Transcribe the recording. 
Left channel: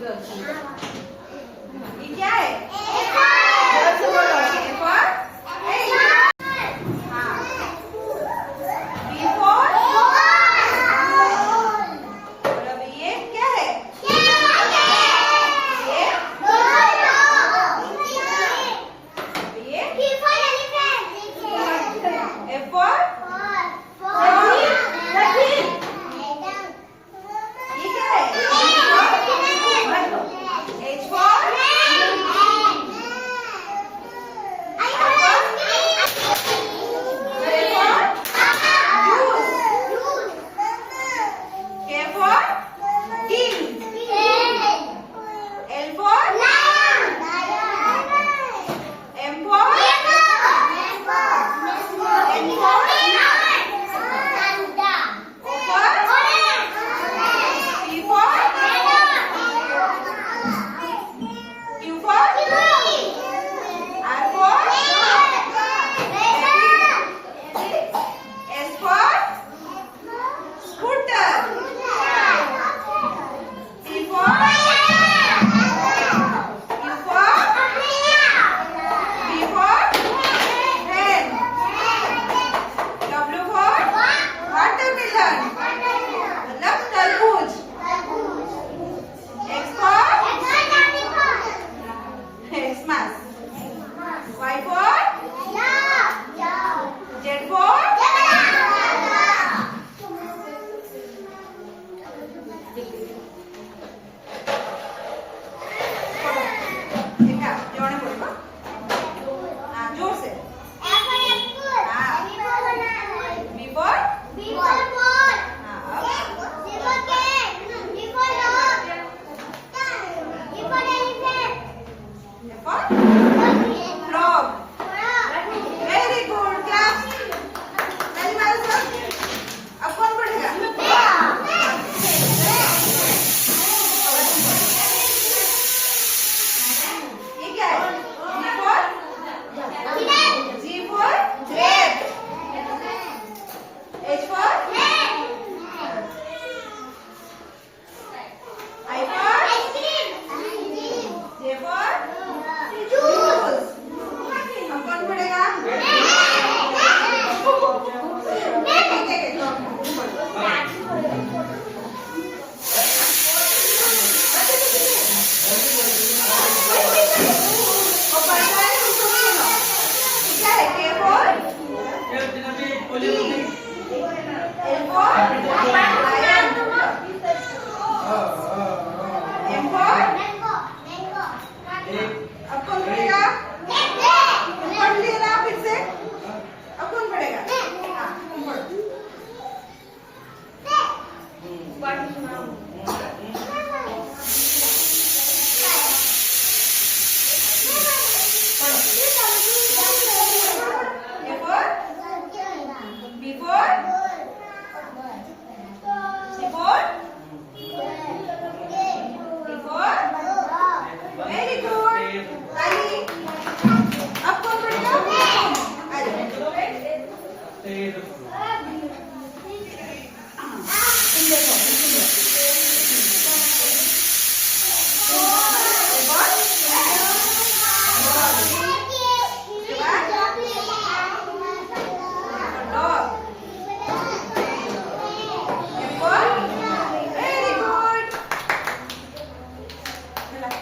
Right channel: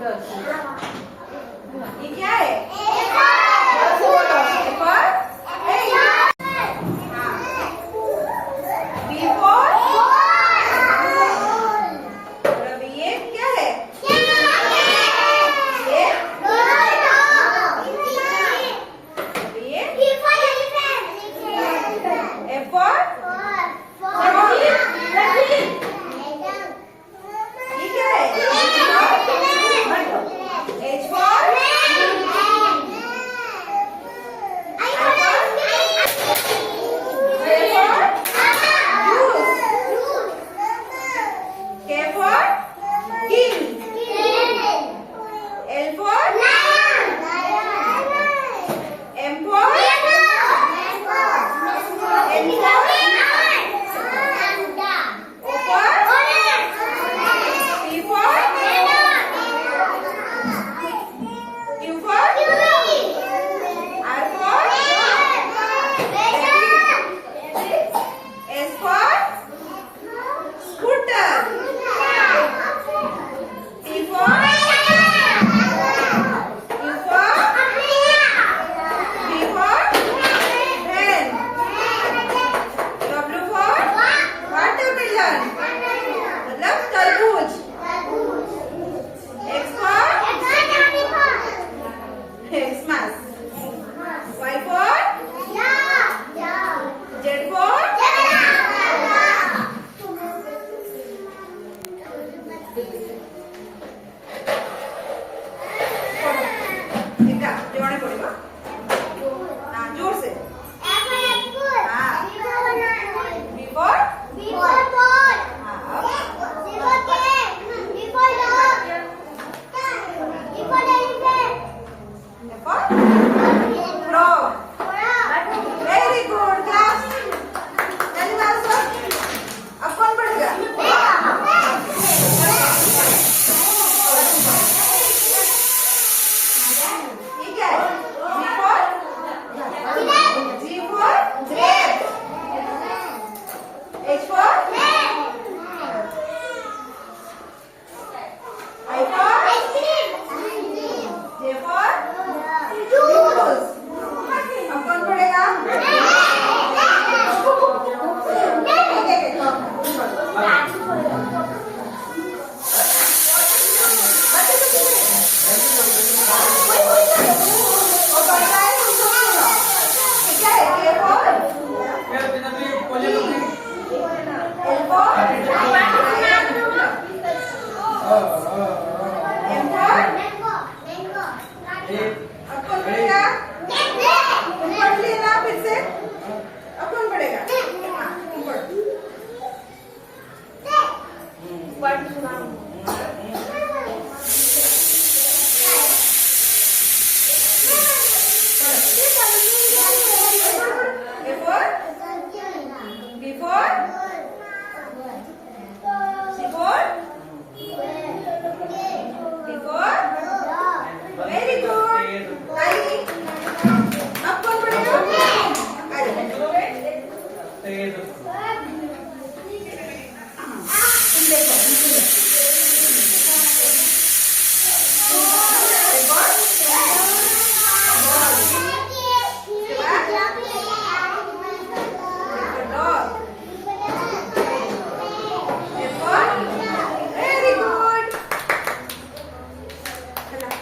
ये क्या है? जोर से बोलो। A for हाँ। B for और अभी ये क्या है? ये अभी ये F for ये क्या है? H for K for king. L for M for N for O for P for Q for R for S for scooter. T for U for V for pen. W for watermelon. मतलब तरबूज. X for Xmas. Y for Z for देखा जोड़ने पड़ेगा हाँ जोर से हाँ B for हाँ अब F for frog. Very good class. जल्दी मारो सब. अब कौन पढ़ेगा? ये क्या है? B for G for grape. H for I for J for juice. अब कौन पढ़ेगा? और पढ़ना है उसको सुनो. क्या है? K for L for M for अब कौन पढ़ेगा? पढ़ लेना फिर से. अब कौन पढ़ेगा? हाँ A for B for C for D for very good. ताली. अब कौन पढ़ेगा? आ जाओ.